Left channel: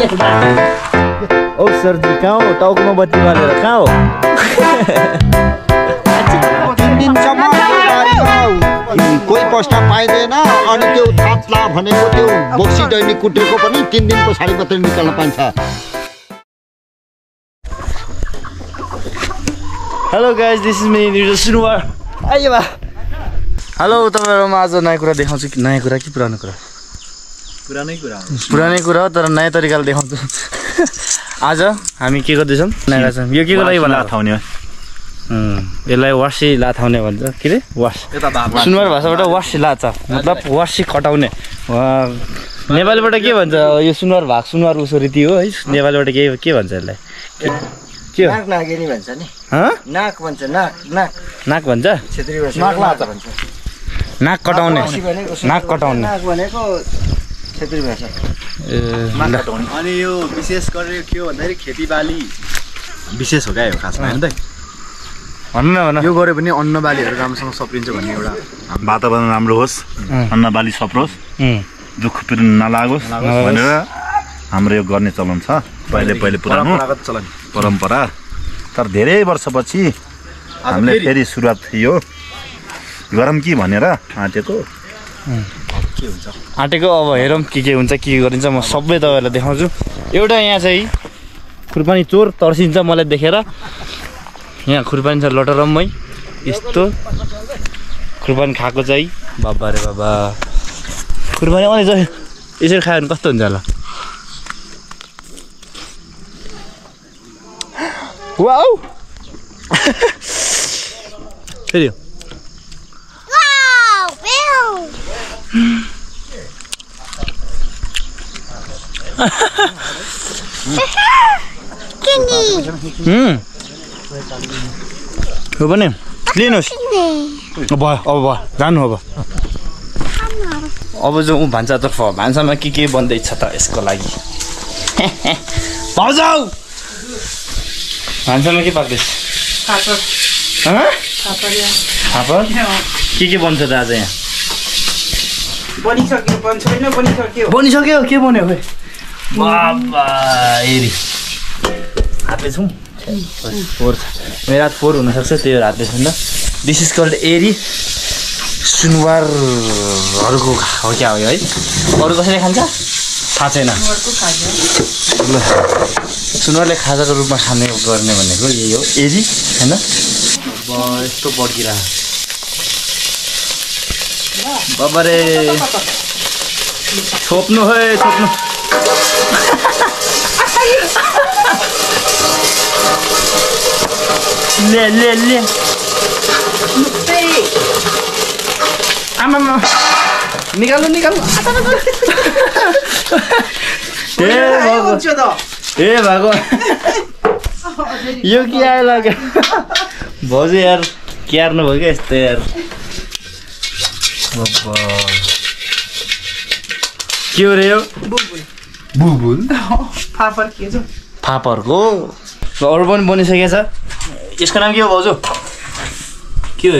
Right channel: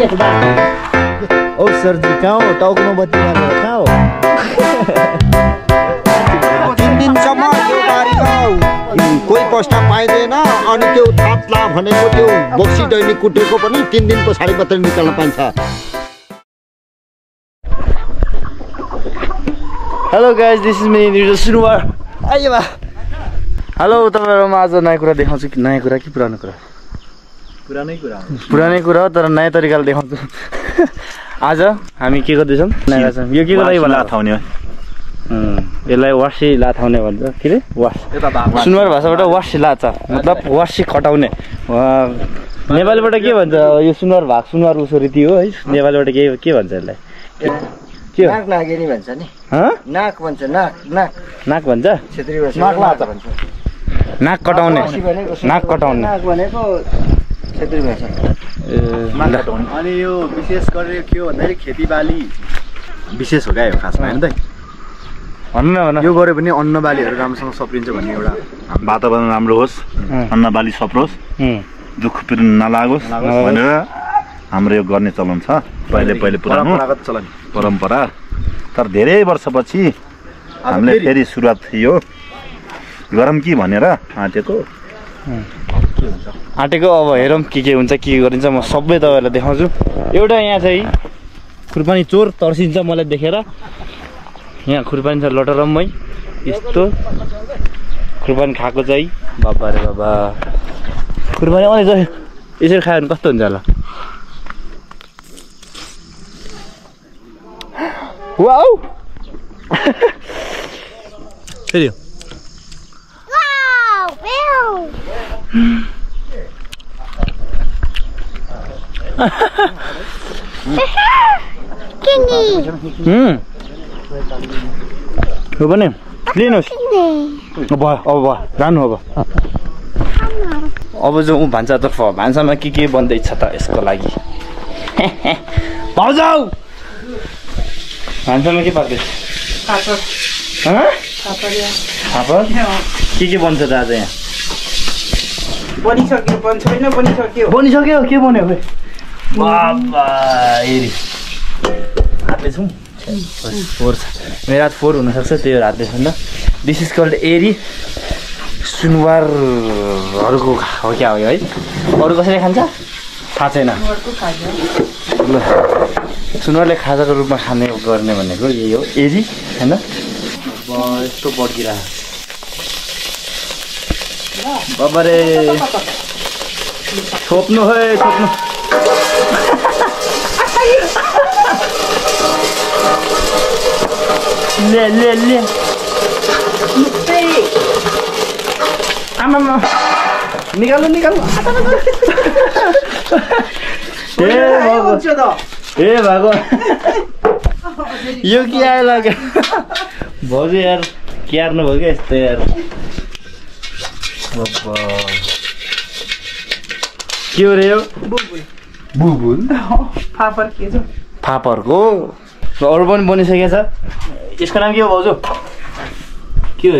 ओ सरजी कहाँ हो? टाउकोमा बत्ती बालेर कहाँ हो? 3 दिनसम्म कोही पस्न पाइँदैन अनि त्यो थाप्ला भनेको त्यो बोक्सी दैनिक कुटेको पनि 3 दिन पछाडि मात्रै निकाल्न पाइन्छ। Hello guys, this is me Niraj Sunuwar. आइयो बा। हेलो, तपाईँहरूमा आज नयाँ कुरा देखाउँछु कि नयाँ कुरा कि पुरानो कुरा? पुरानै कुरा हो तर नयाँ तरिकाले देखाउँछु। आज हामी के गर्दैछौँ? यो के को लागि भन्नु? यसलाई वासी लाथाउने भन्छ। के अरे वास सुनुवार भाषाबाट वासी लाचा मतलब वासी खटाउने। नेपालीबाट के भन्छ यो सुनुवार भाग सुनुवार उसो रीति हो है। नेपालीबाट के भन्छ यसलाई? के नाक नागेनी भन्छ नि। नाक भन्छ। नाक भन्छ। क्षेत्रीय भाषा नाक लाचा भन्छ। नाक कटाउने। नाक कटाउने। नाक भनेको क्षेत्रीय भाषा नाक कटाउने। अनि यो विशेष गरेर के हो भन्दाखेरि खेतीबाली विशेष हो क्या यो खासमा होइन त। भन्नु न भन। यो गऱ्यो भने अन्न बालीहरू राम्रोसँग सप्रिन्छ भन्ने एउटा वातावरण राम्रो होस्, अन्न बाली सप्रोस्, दुःख पिर नलागोस् भनेर हाम्रो यो गर्ने चलन छ। पहिले पुरानो परम्परा। तर धेरै वर्षपछि हामीले फेरि सुरुवात यो गरौँ कि भनेर आँटेको। अब हेरौँ के हुन्छ के गरिन्छ। म सबै तपाईँहरूलाई देखाउँछु। एउटा यहाँ चाहिँ खुर्पानी चोर तर्सिन्छ मलाई देखेर। यहाँ खुर्पानी छ लटरम्मै यस्तो खुर्पानी खाएको चाहिँ बाबा रे बाबा। खुर्पानी अनि चाहिँ यसरी खायो भने कस्तो हुन्छ होला? वाउ फेरि हो भने लिनुहोस्। भयो अब भयो जानु। अब जाउँ भान्सातर्फ। भान्सामा के बन्दैछ त यसको लागि? भाउजू भान्सामा के पाक्दैछ? फापर के बन्छ त आज यहाँ? बनिसक्यो। के बन्यो खै? बाबा हेरी हातले छौँ। फोर छ मेरो हात 4 हुनसक्छ त्यो हातले छन् त। दिस इज कल्ड एरी। सुनुवारहरूको हो क्या हो है? अरू कसैले खान्छ थाहा छैन। ल सुनुवारले खाजाको रूपमा खाने गर्ने भनेको यही हो एरी होइन? यस्तो बड्किरहेको बाबा रे। छोप्नु है छोप्नु। ले आमा निकाल्नु ए भएको यो के आयो लाग्यो भाउजू यार क्यार्नु भयो क्या यस्तो यार। के हो रे यो? बुबुल फापरको अरू पनि बनिसकेको छ। यसको नाम के हो भाउजू? के हो?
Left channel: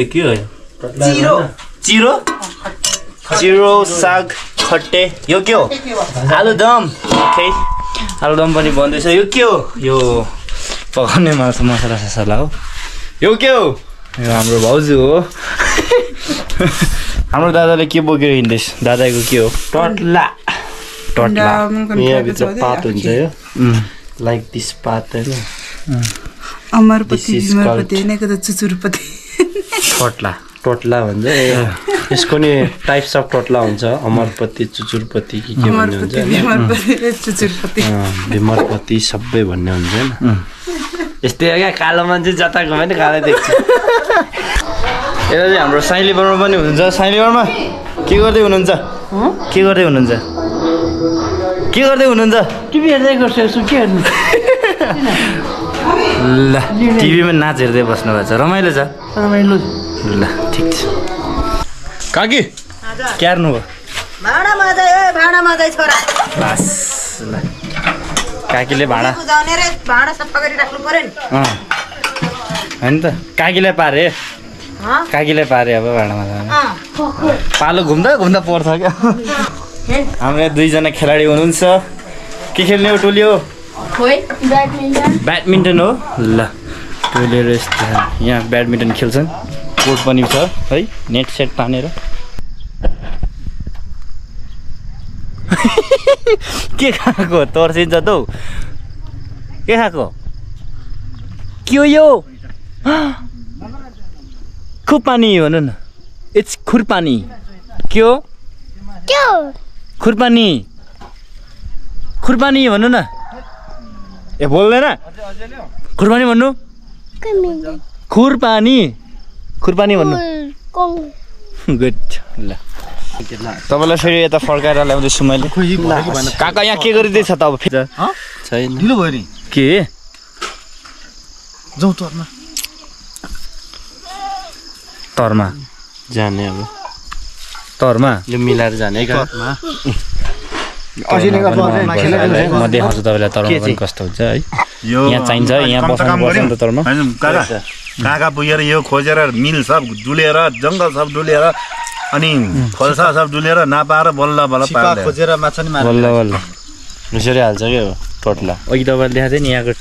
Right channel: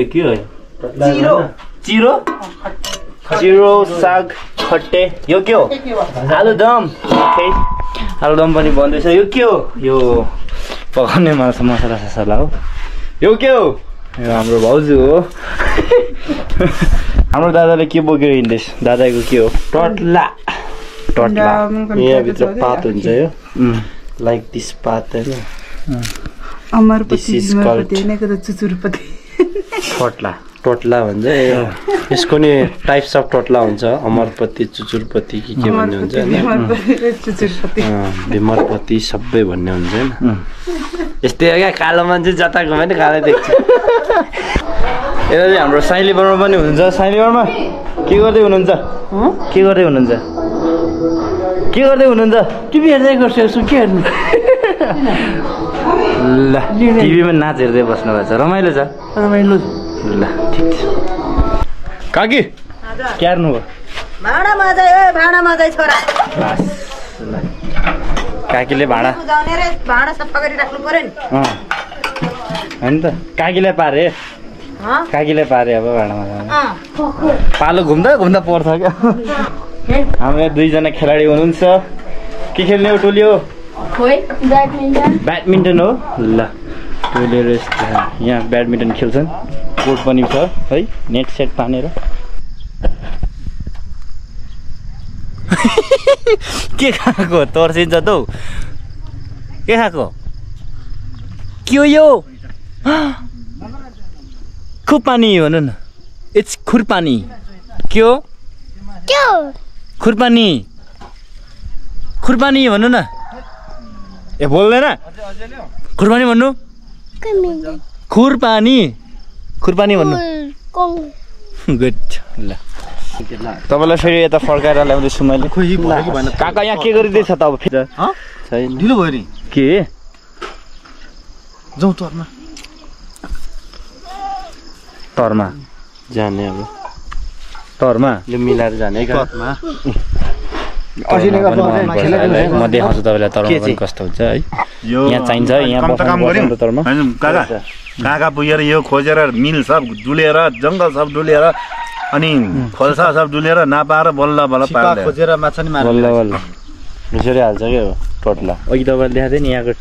चिरो साग खट्टे। यो के हो? आलुदम। आलुदम पनि बन्दैछ। यो के हो? यो पकाउने मसला हो। यो के हो? यो हाम्रो भाउजू हो। हाम्रो दादाले के बोकेर हिँड्दैछ? दादाको के हो? टट्ला। यहाँभित्र पात हुन्छ यो लाइक दिस पात होइन? टोटला भन्छ। यसको नि टाइप्स अफ टोटला हुन्छ। अमरपति, चुचुरपति के भन्ने हुन्छ हैन? भीमरपति सबै भन्ने हुन्छ हैन? यस्तै हो क्या कालो मान्छे जता गयो भने कालै देख्छ। यता चाहिँ हाम्रो साइली बर्मा पनि हुनुहुन्छ। साइली बर्मा के गर्दै हुनुहुन्छ? टिभी हेर्दै गर्छु। के हेर्नु? ल टिभीमा नाच हेर्दै बस्नु भएको छ। रमाइलो छ? रमाइलो। ल ठिक छ। काकी क्यार्नु हो? भाँडा माझै छोरा। बस ल काकीले भाँडा सफा गरिराख्नु पर्यो नि। होइन त काकीलाई पारे अब भाँडामा पालो घुम्दा पर्छ क्या। हाम्रो यहाँ 2जना खेलाडी हुनुहुन्छ। के खेल्ने हो टोली हो ब्याडमिन्टन हो ल टोली र यहाँ ब्याडमिन्टन खेल्छन् कोर्ट पनि छ है नेट सेट तानेर के खाएको तर्सिन्छ त हौ के खाएको के हो यो खुरपानी भन न इट्स खुरपानी के हो खुरपानी खुरपानी भन्नु न ए बोल्दैन खुरपानी भन्नु खुरपानी खुरपानी भन्नु गुड ल तपाईँलाई फेरि यता फर्काएर ल्याउँदैछु मैले काका यहाँ के गरिँदैछ त अब फेरि छैन ढिलो भयो नि के जाउँ तरमा तरमा जाने अब तरमा यो मिलाएर जाने तरमा म देखाउँछु तपाईँलाई तरमा पनि कस्तो हुन्छ है यहाँ चाहिन्छ यहाँ बस्नु त तरमा काका काका पुगेर यो खोजेर मिल सब डुलेर जङ्गल सब डुलेर अनि खोल्सा सब डुलेर नपाएर बल्ल बल्ल पार्दै खोजेर माछा नि बल्ल बल्ल मुसरी हाल्छ क्या टोटला अघि तपाईँले देखाएको थियो नि यहाँको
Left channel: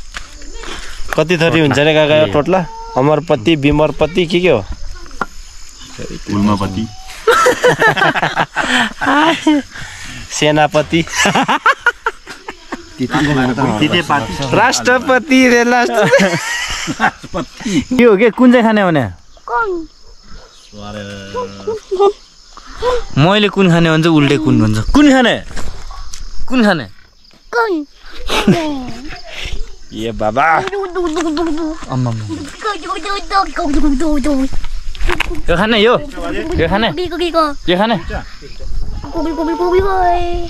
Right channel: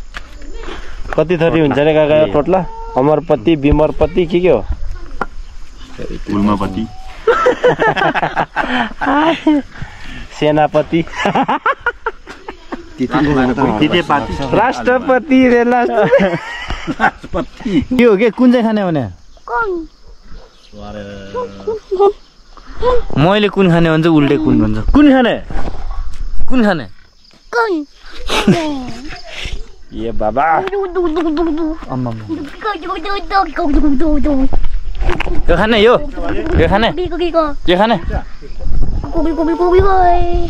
कति थरी हुन्छ रे काका यो टोटला अमरपति बिमरपति के हो उल्मापति सेनापति राष्ट्रपति के हो के कुन चाहिँ खाने भने मैले कुन खाने भन्छ उल्टे कुन भन्छ कुन खाने ए बाबा यो खाने यो खाने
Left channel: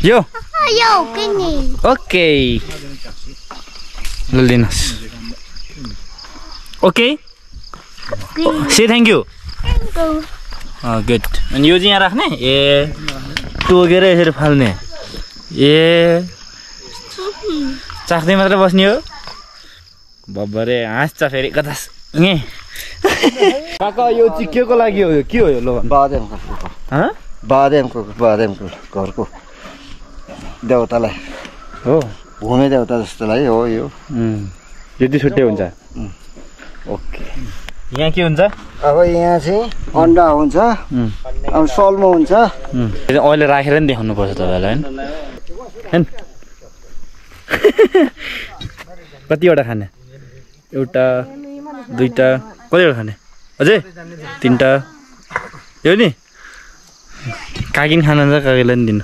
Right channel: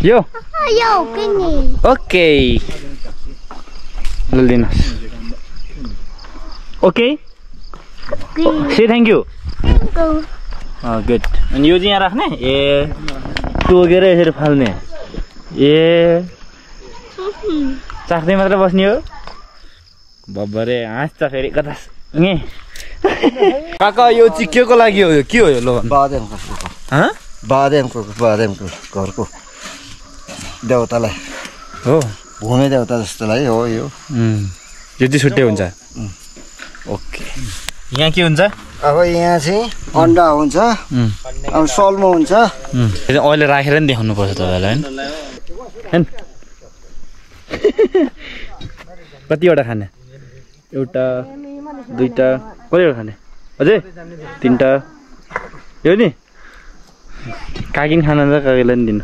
यो ओके ल लिनुहोस् okay say thank you good अनि यो चाहिँ यहाँ राख्ने ए टोकेर यसरी फाल्ने ए चाख्दै मात्र बस्ने हो बब्बरे हाँस्छ फेरि कता काका यो चाहिँ के को लागि हो के हो यो लो बादेमको घरको देउतालाई हो भूमि देउता जस्तोलाई हो यो चाहिँ छुट्टै हुन्छ ओके यहाँ के हुन्छ अब यहाँ चाहिँ अन्डा हुन्छ अब सल्मो हुन्छ अहिले राखेर नि देखाउनु पर्छ तपाईँलाई होइन कतिवटा खाने एउटा दुईटा कतिवटा खाने अझै तिनवटा यो नि काकिन खाना छ काकीलाई नि दिनु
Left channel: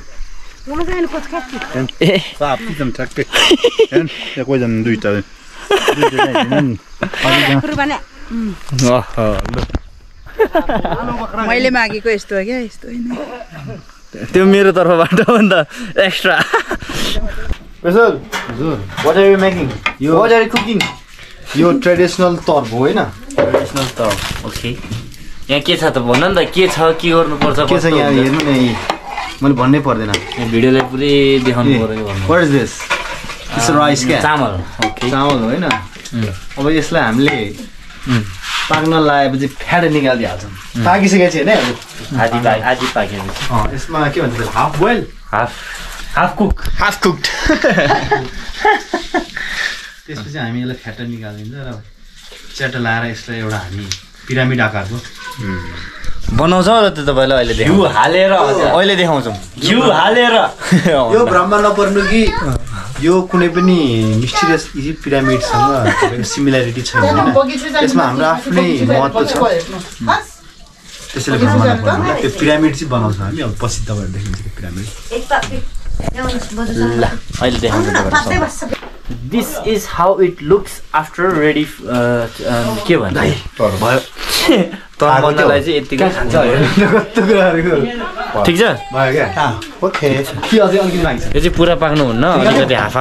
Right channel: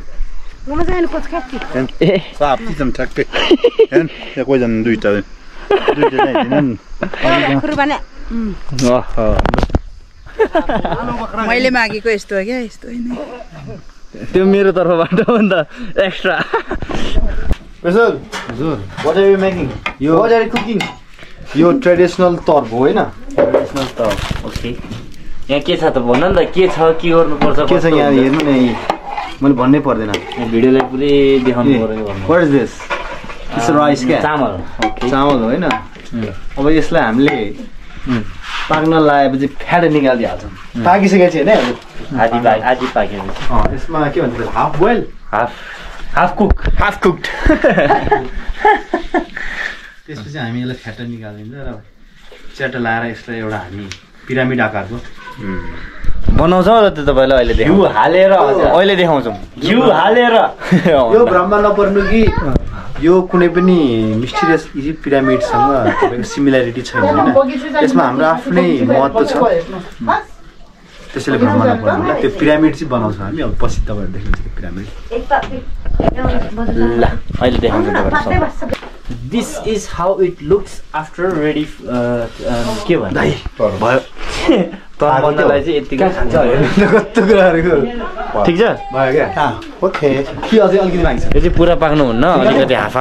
मैले मागेको यस्तो हो क्या यस्तो होइन त्यो मेरो तर्फबाट हो नि त extra What are you making? What are you cooking? यो ट्रेडिसनल तर्फ हो हैन ट्रेडिसनल त ओके यहाँ के छ त भन न त के छ के गर्नुपर्छ के छ यहाँ हेर्नु न मैले भन्नै पर्दैन भिडियोलाई पुरै देखाउनु पर्यो what is this this rice क्या चामल ओके चामल हो हैन अब यसलाई हामीले पाक्न लगाएपछि फ्याट निकालिदिहाल्छौँ पाकिसकेको छ हैन आधी पाकेपछि यसमा के भन्छ हाफ बोइल हाफ कुक्ड त्यसपछि हामी यसलाई फ्याट निकालिदिन्छ र च्याटो लाएर यसलाई एउटा हामी पिरामिड आकारको बनाउँछ र त्यो तपाईँलाई अहिले घिउ हालेर अहिले देखाउँछौँ घिउ हालेर यो भ्रममा नपर्नु कि यो कुनै पनि मिस्टिरियस इजिप्ट पिरामिडसँग तपाईँको सिमिल्यारिटी छैन होइन यसमा हाम्रो आफ्नै महत्त्व छ त्यसैले भ्रममा नपर्नु होला त्यो पिरामिड चाहिँ बनाउँछौँ हामी अब पछि तपाईँहरू देख्नुहुन्छ त्यो पिरामिड ल अहिले देखाउँछु तपाईँहरू this is how it looks after ready के भन्छ भयो तरलाई चाहिँ यतिकै खान्छ कस्तो कुराहरूको ठिक छ भयो क्या ओके के अझै अलिकति लाग्छ यो चाहिँ पुरा पाक्नु हुन्न अलिकति हाफ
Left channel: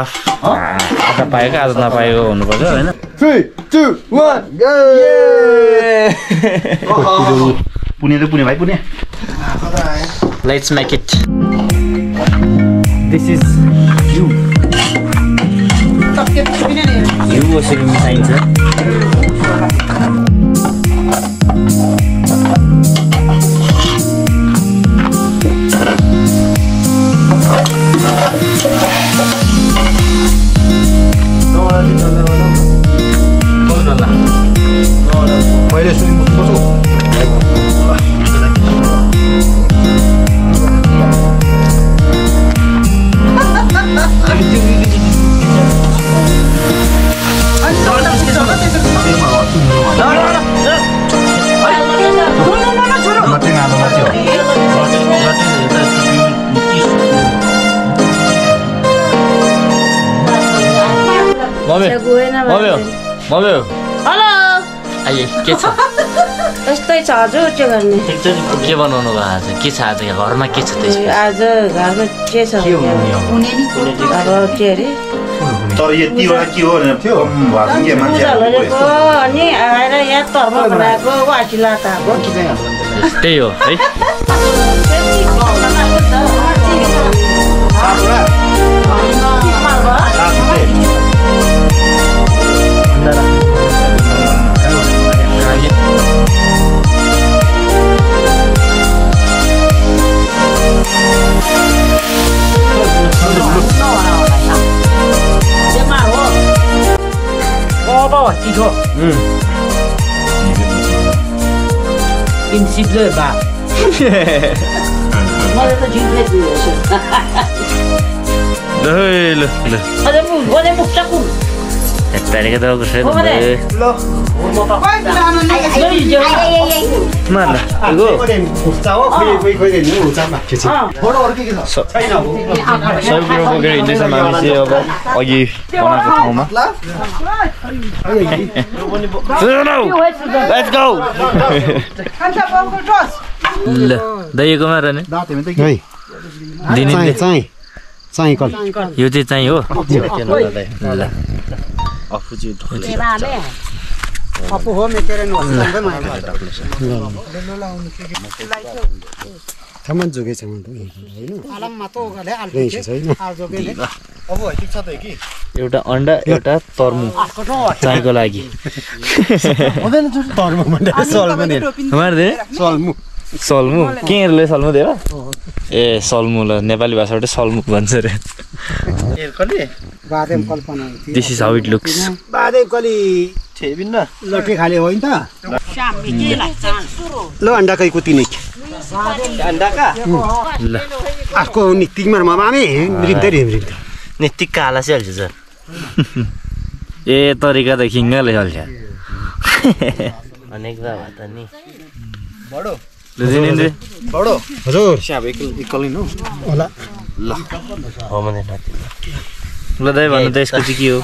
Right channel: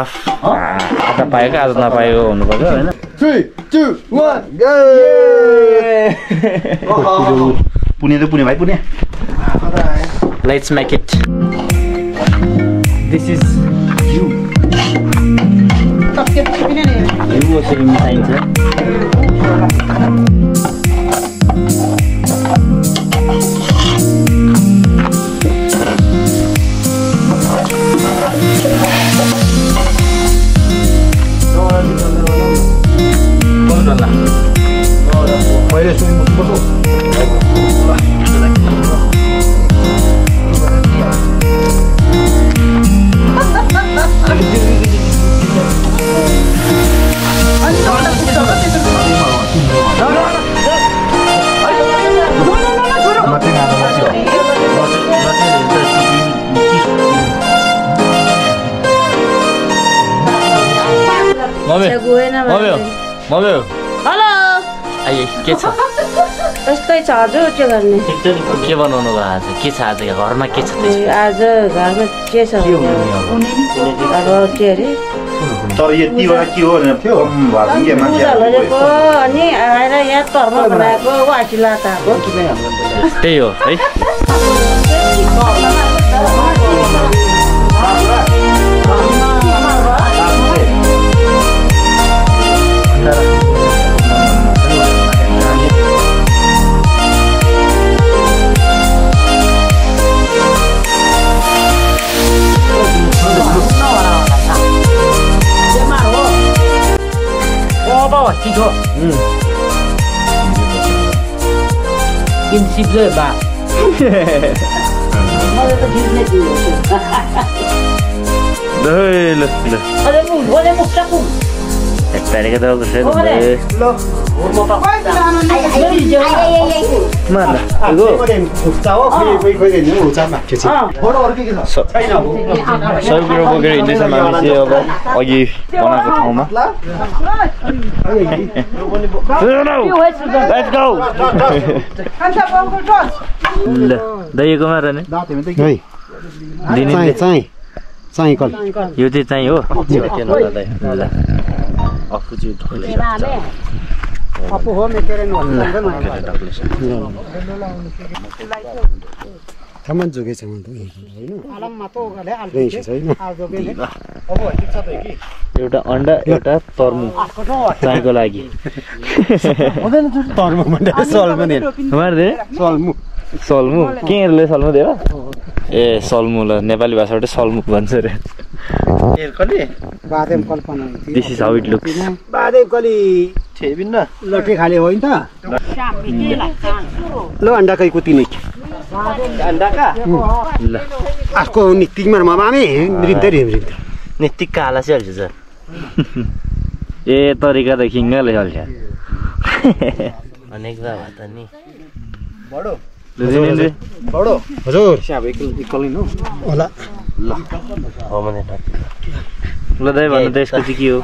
आधा पाएको आधा नपाएको हुनुपर्छ होइन 3, 2, 1 गो पुने भाइ Pune let's make it this is घिउ घिउ यसरी मिसाइन्छ मम्मी गएन मम्मी मम्मी हेलो आइए के छ यस्तै छ हजुर के गर्ने के बनाउनु भयो आज के छ आज घरमा के छ त्यसमा आज घरमा के छ अब के अरे तर यतिवटा के हो थियो गरेको अनि आएर यहाँ तर्म बनाएको वासी लाताको त्यही हो है bawa tiga. Prinsip le ba. Mana tu jenis tu? Le. Ada mu cakap. Tadi kata aku saya. Lo. Mana? Aku. सब कुरो बोकेर हिँड्दैछ हामी चाहिँ अब अघि बनाएको ठाउँमा ल दहीकोमा रहने चाहिँ कल यो चाहिँ चाहिँ हो थामान जोगे छ एउटा अन्डा एउटा तर्मु चाहिँको लागि सल्मु केहरूले सल्मु दिएर ए सल्मु ल नेपाली भाषाबाट सल्मु भन्छ रे this is how it looks बादेम कली छेबिन्न लट्टे खाले होइन त ल अंडा कई कुती नहीं अंडा का ल आको नितिक मार मामे रिन्दै नितिक काला से हल्छ सर ए तरिका त खिङ्गाले हल्छ अनेक दा भत नि बडो बडो हजुर स्याब एकल नि हो होला ल हो मने थाति ल दाइ भन्नु त यसको चाहिँ के हो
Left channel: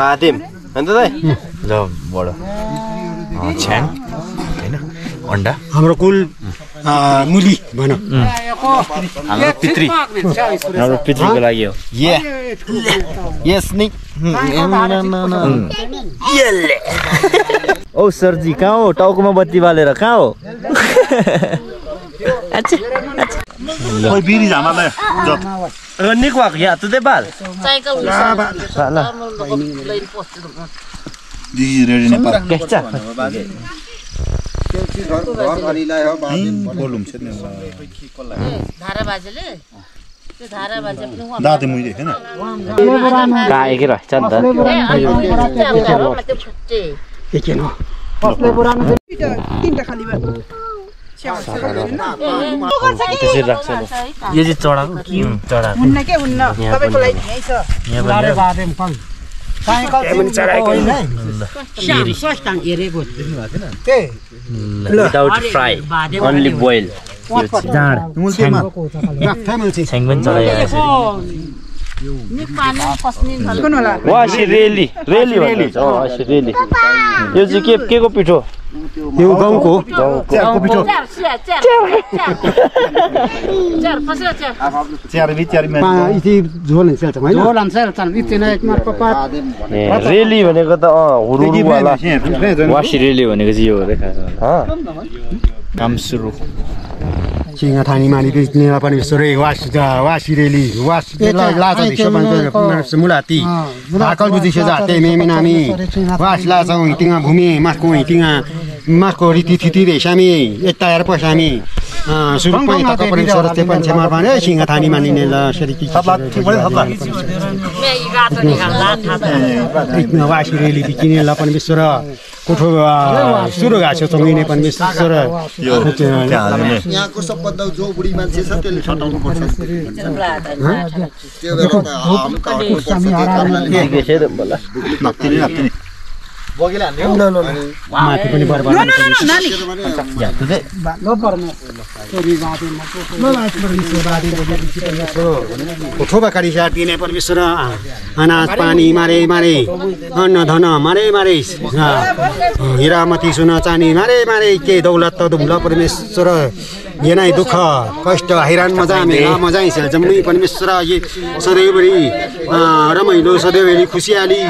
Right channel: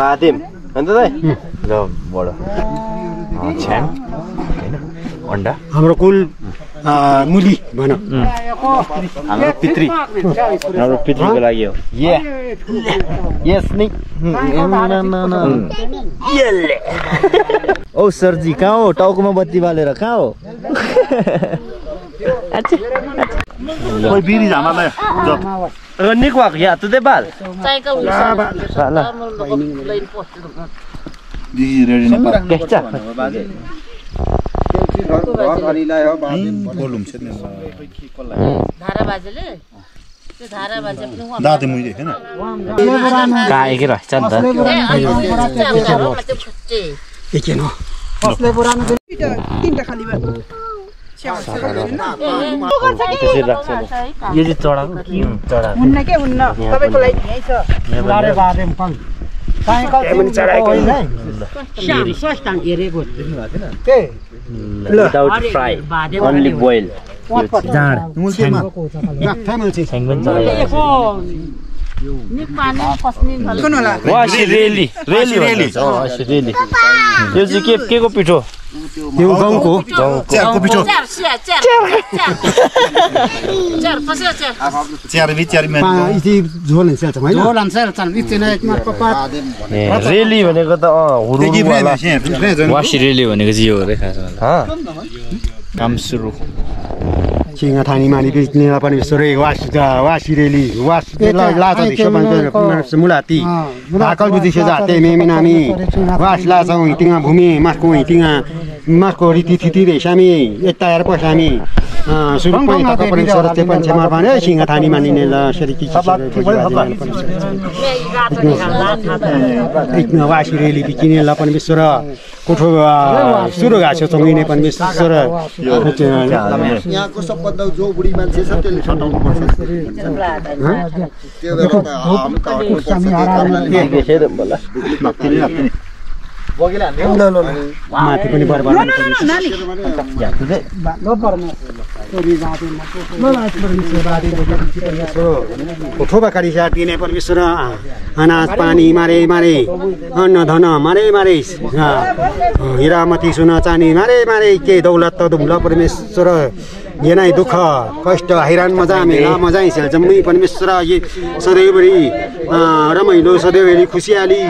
बादेम अन्त दाइ ल बडो छ्याङ हैन अन्डा हाम्रो कुल मुली भन हाम्रो पितृको लागि हो यस नि ओ सरजी कहाँ हो टाउकोमा बत्ती बालेर कहाँ हो कोही बिरी झामालाई निक भएको या तुदे बाल दिस रेडी नेपाल केचा बोलुम छ नि धारा बाजेले त्यो धारा बाजे पनि दाते मुइ देखेन काएकै रहेछ नि त एकेन तीनटा खाली भयो त्यसरी राख्छ यो चाहिँ चढाको चढाको हुन्न के हुन्न तपाईको लागि यही छ लारे बादेम कल साइकल पनि चढाएको होइन Siang swastan irego. के विदाउट फ्राई ओन्ली बोइल जाँड मुल्तेमा राख्थामा चाहिँ छ्याङ पनि चढाइरहेको निक पानी पस्ने कुन होला वासी रेली भन्छ वासी रेली यो चाहिँ के को पिठो यो गाउँको चियारको पिठो चार फस्यो चार चियार इति झोल हुन्छ हैन झोल answer tan इतना एक मार पपा. रेली भनेको त हुरुवाला वासी रेली भनेको चाहिँ यो हो रे खासमा काम सुरु सिंह ठानी मानी बिस्नेला पनि सरे वासी रेली वासी लाचा दिसो पनि मुलाती आकल बुझिसे जाते मेमिनामी वास लाचा हिटिङा भूमि माको हिटिङा माको रीति थिति रेसामी एकतायर पसामी सुरु पनि तक पनि सरस्ते पनि मार भने सिंह ठानी मानिने ल सरीकी वासी रेली बिकिने ल पनि विश्वर कोठो सुरु गाछो सँगै पनि विश्वर यहाँको सबभन्दा जो बुढी मान्छे छ त्यसले छटाउनु पर्छ त्यो बेला माथि पनि बरबाद ठोबा काटी दिने परमेश्वर अनाज पानी मारे मारे अन्न धन मारे मारे हिरामती सुन चानी मारे मारे के दौलत त दुम्ल परमेश्वर येनाइ दुःख कष्ट हैरान मजा मेला मजा जम्मै परमेश्वर सधैँभरि रमाइलो सधैँभरि खुसियाली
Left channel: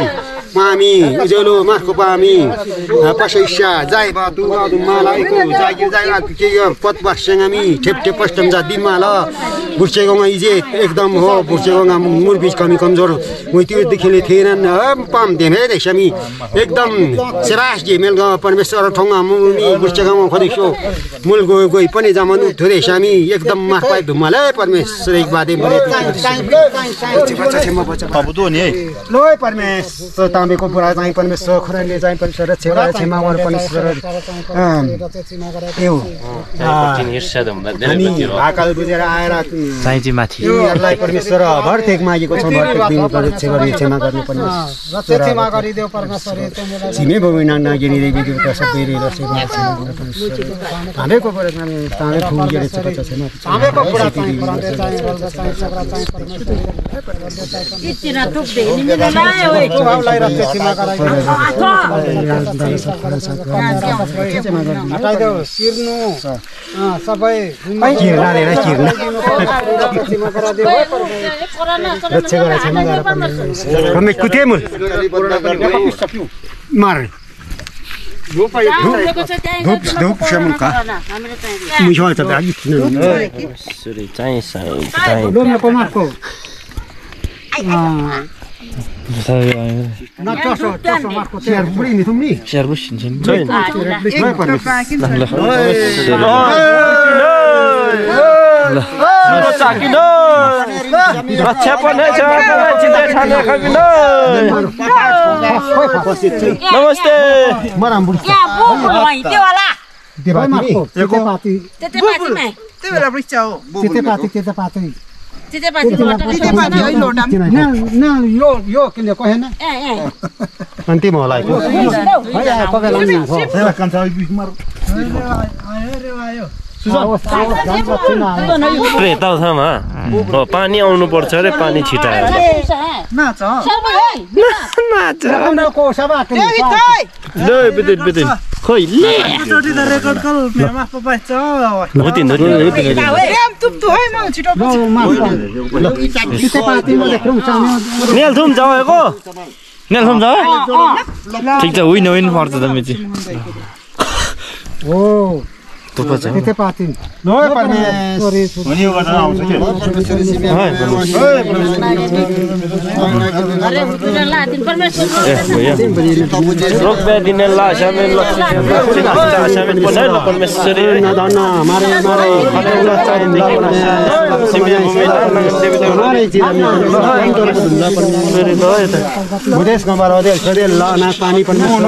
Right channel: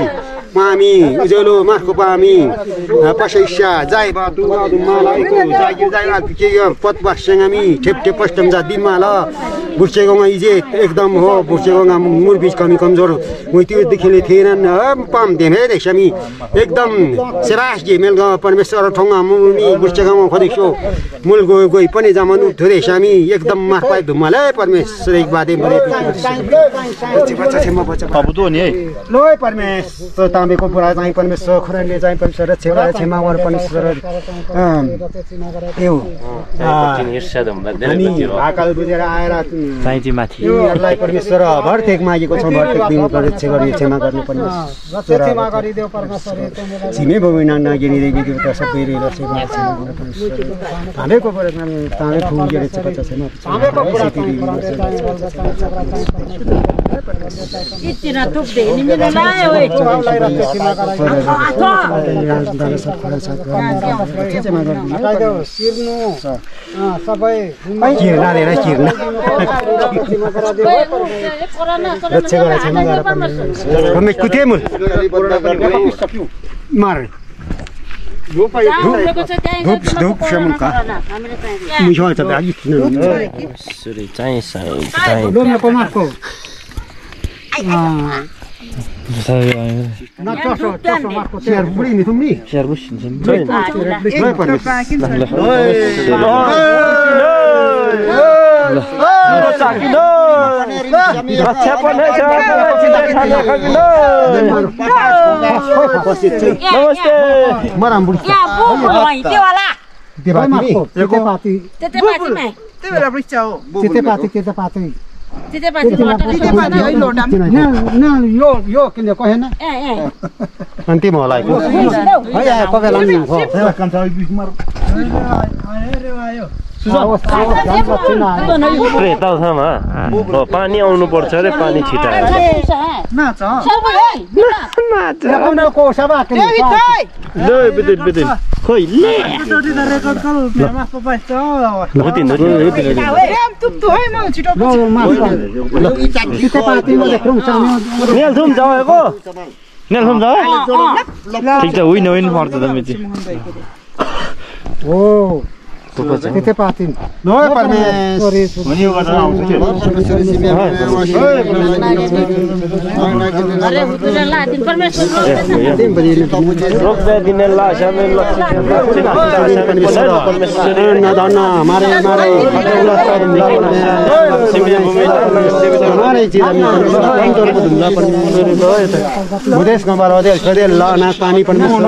मामी उज्यालो मार्को पामी पसैस्या जाय बातु मालाइको जागिर जायला के पत वर्षगामी ठेप ठेप पष्टम जा दिमाला बुर्चेगोङा इजे एकदम हो बुर्चेगोङा मुर बीच कमी कमजोर मुइति देखिले थिएनन् पाम देमे देशमी एकदम सेरास जे मेल परमेश्वर ठोङा मुमी बुर्चेगोङा खदिसो मुल गई पनि जमानु थोरै सामी एकदम मार्पाइ धुमाले परमेश्वर एक बादे मरे बच्चा छेमा बच्चा बाबु त नि है लोय परमेश्वर तामेको पुरा चाहिँ परमेश्वर खराले चाहिँ परमेश्वर छेवा छेमा वर परमेश्वर यो अनि आकाल बुझेर आएर चाहिँ माथि यिनीहरूलाई परमेश्वर भरथेक मागेको छौँ भरथेक दिनु पर्ने क्षमा गर्नु पर्ने क्षमा गरिदेऊ परमेश्वर छिमे भूमि नागिनी देवी देवता सबै रेलो सेवा क्षमा गर्नु परमेश्वर तामेको तामे फुगेर चाहिँ बच्चा छैन तामेको पुरा कितना तुक दे नि मिले लायो ए सबै किर्ना रे किर्ना रक्षा गरेर छैन गरेर हामी कुते मुल मार धूप धूप शमुका मुझे त लागि सुरे चाहिँ चाहिँ लोमे पमाको शेयर बुढी नि तुमनी शेयर बुझिन्छ नमस्ते मराम बुढी यो किन कहेन अन्तिम होला पानी आउनु पर्छ रे पानी छिटाएर खोइ नेलथुम जाएको नेलथुम जा ठिक छ होइन होइन पर्छ त मेची हो त्यतै पातिन नय परमेश्वर अनि यो गर्न आउँछ के अरे उतरला दिन परमेश्वर रोक बे दिन ला शामिल परमेश्वर नदाना मारे मारे मुदेश गम्बार अदेल सदेल ला ना पानी परमेश्वर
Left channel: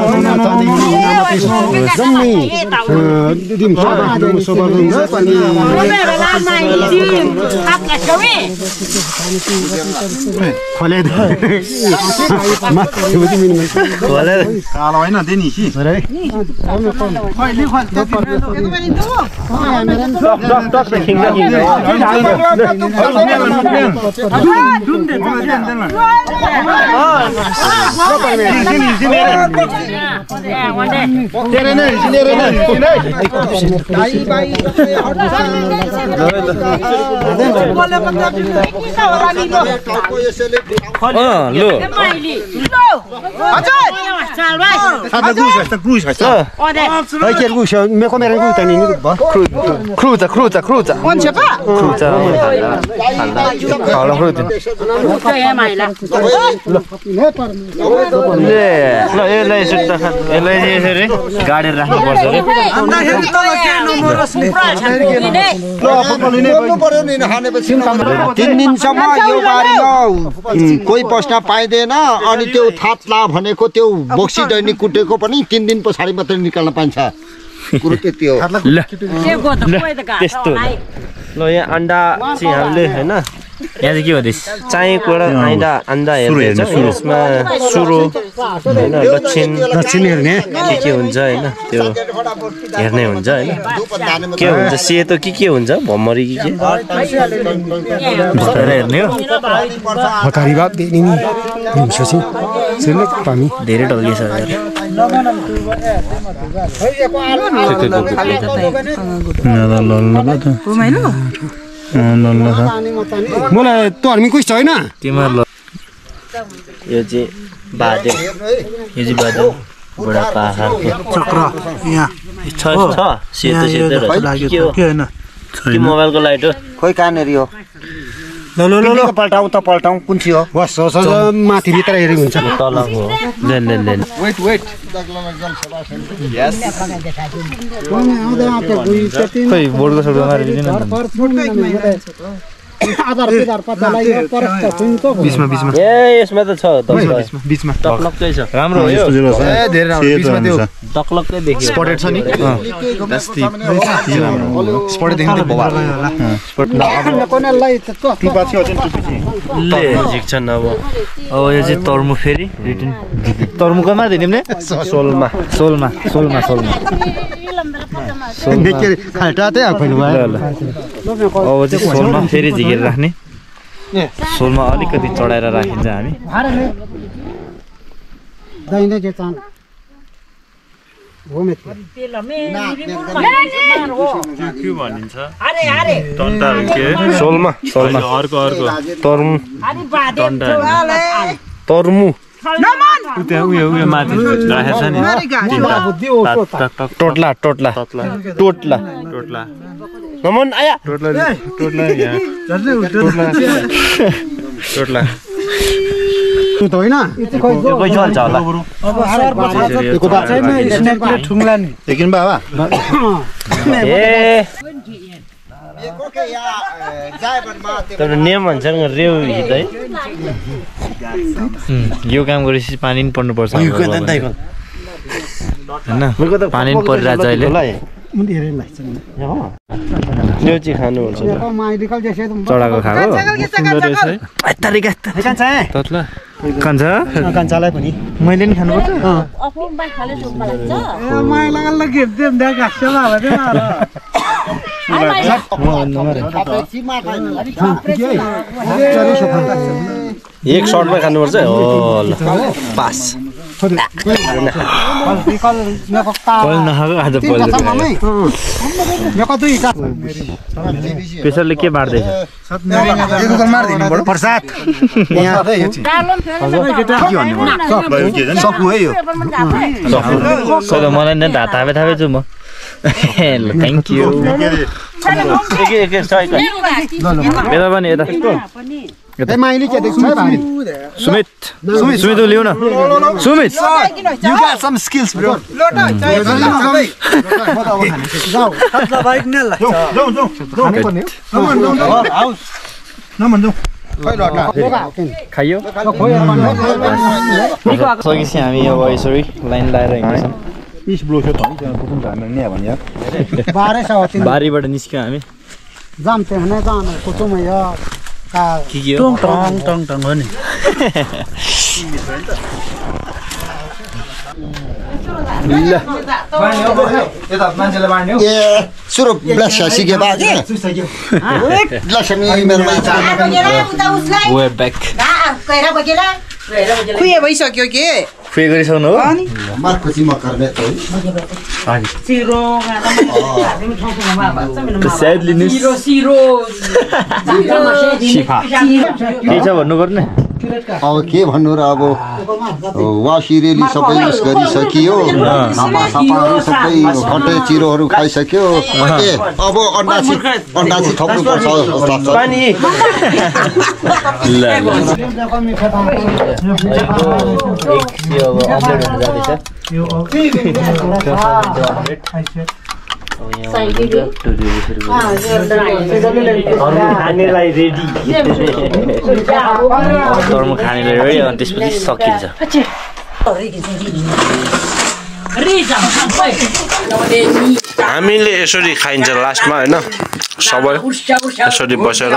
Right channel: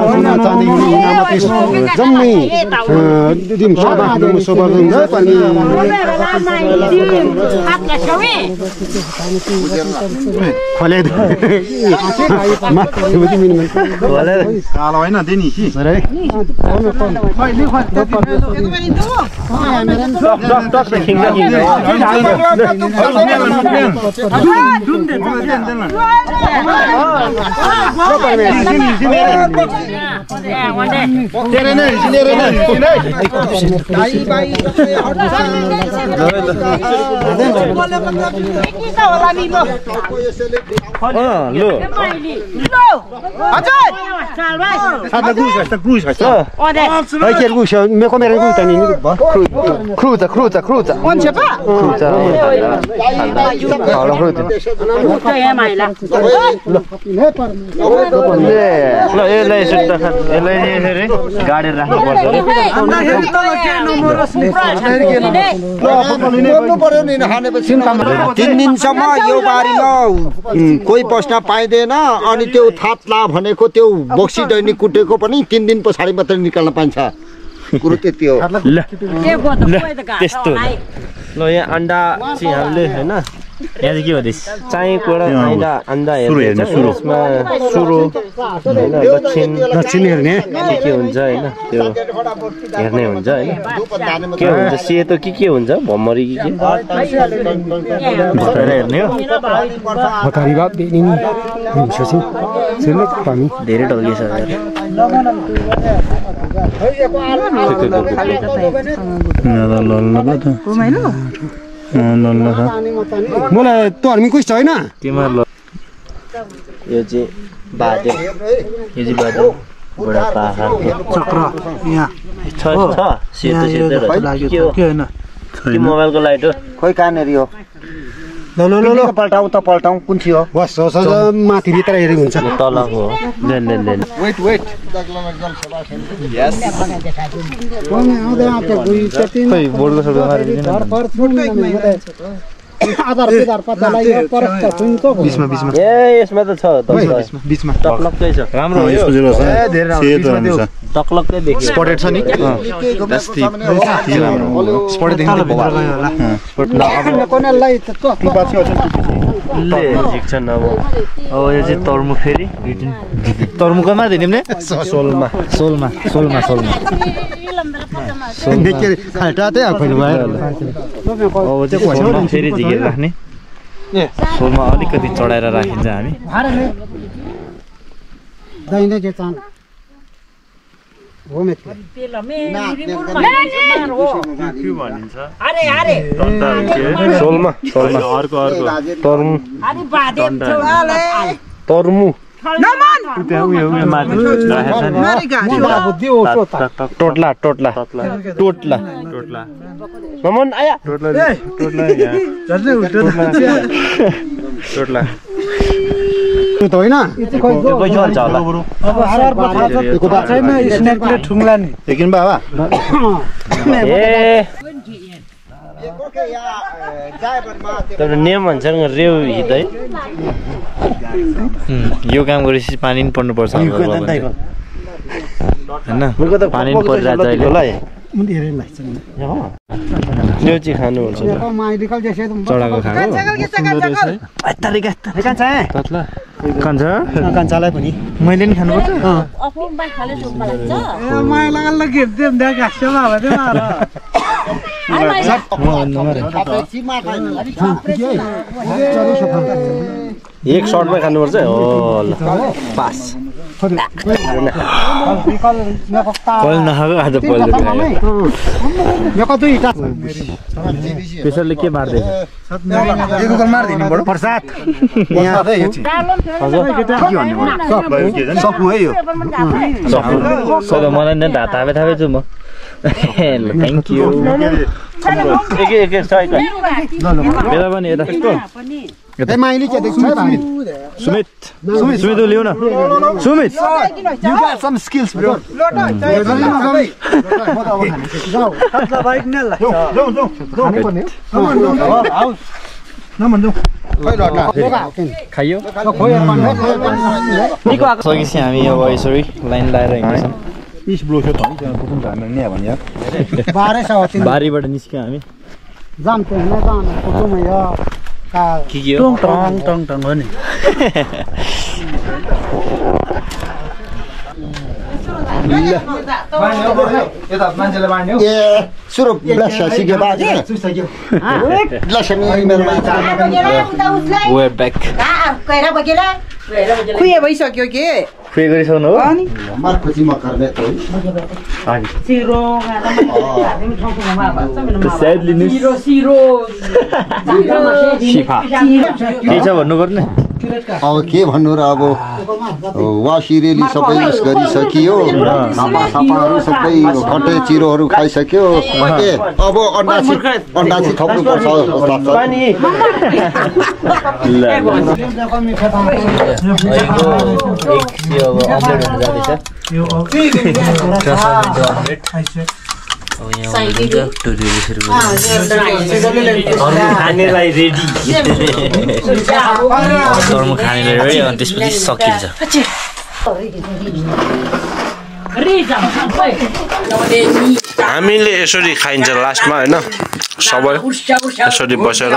चाँदी नाम कृष्ण जम्मै दिम सभा सभा पनि खोले कालो हैन दिनी कि गाडी राख्नु पर्छ तीन दिनसम्म यो बारीमा कोही पस्न पाइँदैन अनि त्यो थाप्ला भनेको त्यो बोक्सी दैनिक कुटेको पनि 3 दिन पछाडि मात्रै निकाल्न पाइन्छ कुरो त्यति हो त्यस्तो ल यहाँ अन्डा चाहिँ हामीले हैन यहाँ चाहिँ के हुँदैछ चाँयकोबाट आइन्दा हेर्ने यसमा सुरो होइन दक्षिण हेर्ने के हुन्छ होइन त्यो हेर्ने हुन्छ होइन के हुन्छ सेतो के हुन्छ भम्मरी के बिस्तारै हेर्ने हो धेरै ढल्किछ मलाई तर्मी कुछ छैन तिमीहरू यो चाहिँ बाजे यो चाहिँ बाजे बुढापाका चक्र यहाँ छ सेतो के होइन मोबाइलको लाइट हो खोइ कहाँनिर हो ल पल्टाउँ त पल्टाउँ कुन चाहिँ हो बस माथि भित्र हेरेको हुन्छ तलको हो लेन वेट खै बोर्डको सबै मारिदिनु ए यसमा त छ बीचमा टक्लक्कै छ राम्रो हो यो टक्लक्कै देखियो स्पटेड छ नि स्पटेड देख्नु भवा झिक्छन् अब अब यो चाहिँ तर्मु फेरि तर्मुको मारिदिने नि सोलमा खाल्टा चाहिँ आफैले भयो अब चाहिँ सोलमा फेरि झिकेर राख्ने सोलमा अलिकति चढाएर राखिन्छ हामी सोलमा तर्मु टोटला नमन आया टोटला होइन एकछिन बाबा तर नेम भन्छन् रेउ हित है यो काम गरेपछि पानी पनि पर्नुपर्छ होइन पानी पनि परिरहेको छ अहिले त्यो चाहिँ खानुपर्छ चढाको खाएको कान्छालाई पनि मैले नि खानुपर्छ एक सर्टमा खानुपर्छ हो ल पास पहिलो नखाएको आज पहिलो प्रेसरले के बाँड्दैछ प्रसाद मलाई नै थापे छु म थ्याङ्क यू बेला पनि यता माइली के देख्छ सुमित लिउ न Sumit You got some skills, bro. खाइयो सकेपछि हामी अब यसरी लाइन लगाएर हिँड्छौँ बारीबाट निस्क्यौँ हामी के हो टङ हो नि सुरु ब्लस सिके बाजे ब्लस नि वेयर ब्याक खुए भइसक्यो के खुए गरिसक्नु हो मार्पछि म गर्ने त सायद लिनुस् शिफा के छ भन्नु पर्ने अब के भन्नु र अब वासिरेली सबै युज गरिसकियो सापाहरू सबै घटे चिरोहरू खाइसक्यो ए अब अन्डासी थप्नु पर्छ खानेलाई रेडी तर्मु खानेलाई रेडी अनि त्यसपछि सकिन्छ हामीले यसरी खाइन्छ लास्टमा होइन सबै यसरी बसेर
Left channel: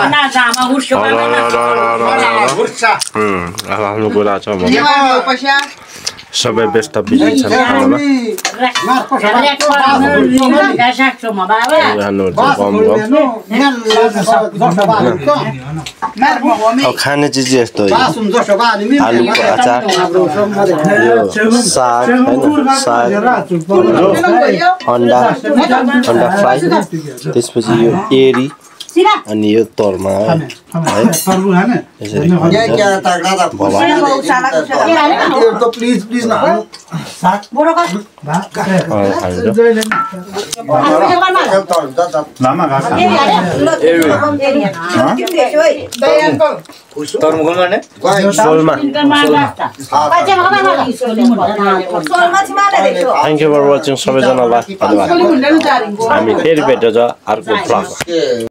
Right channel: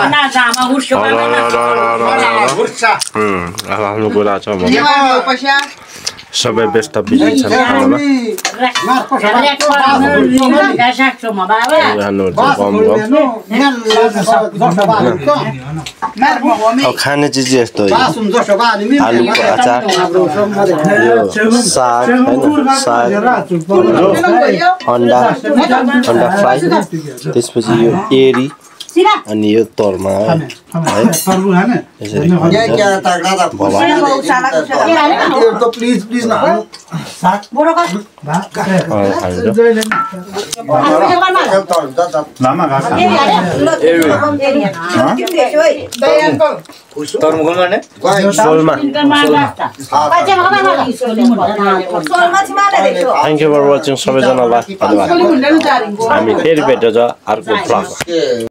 आफ्नो कुरा छ सबै व्यस्त बिजी छन् खानामा खाने चिज यस्तो आलुको अचार यो साग होइन साग अन्डा फ्राई त्यसपछि यो एरी अनि यो तोरमा थ्याङ्क यू फर वाचिङ सबैजनालाई धन्यवाद हामी फेरि भेट्छ अर्को ब्लग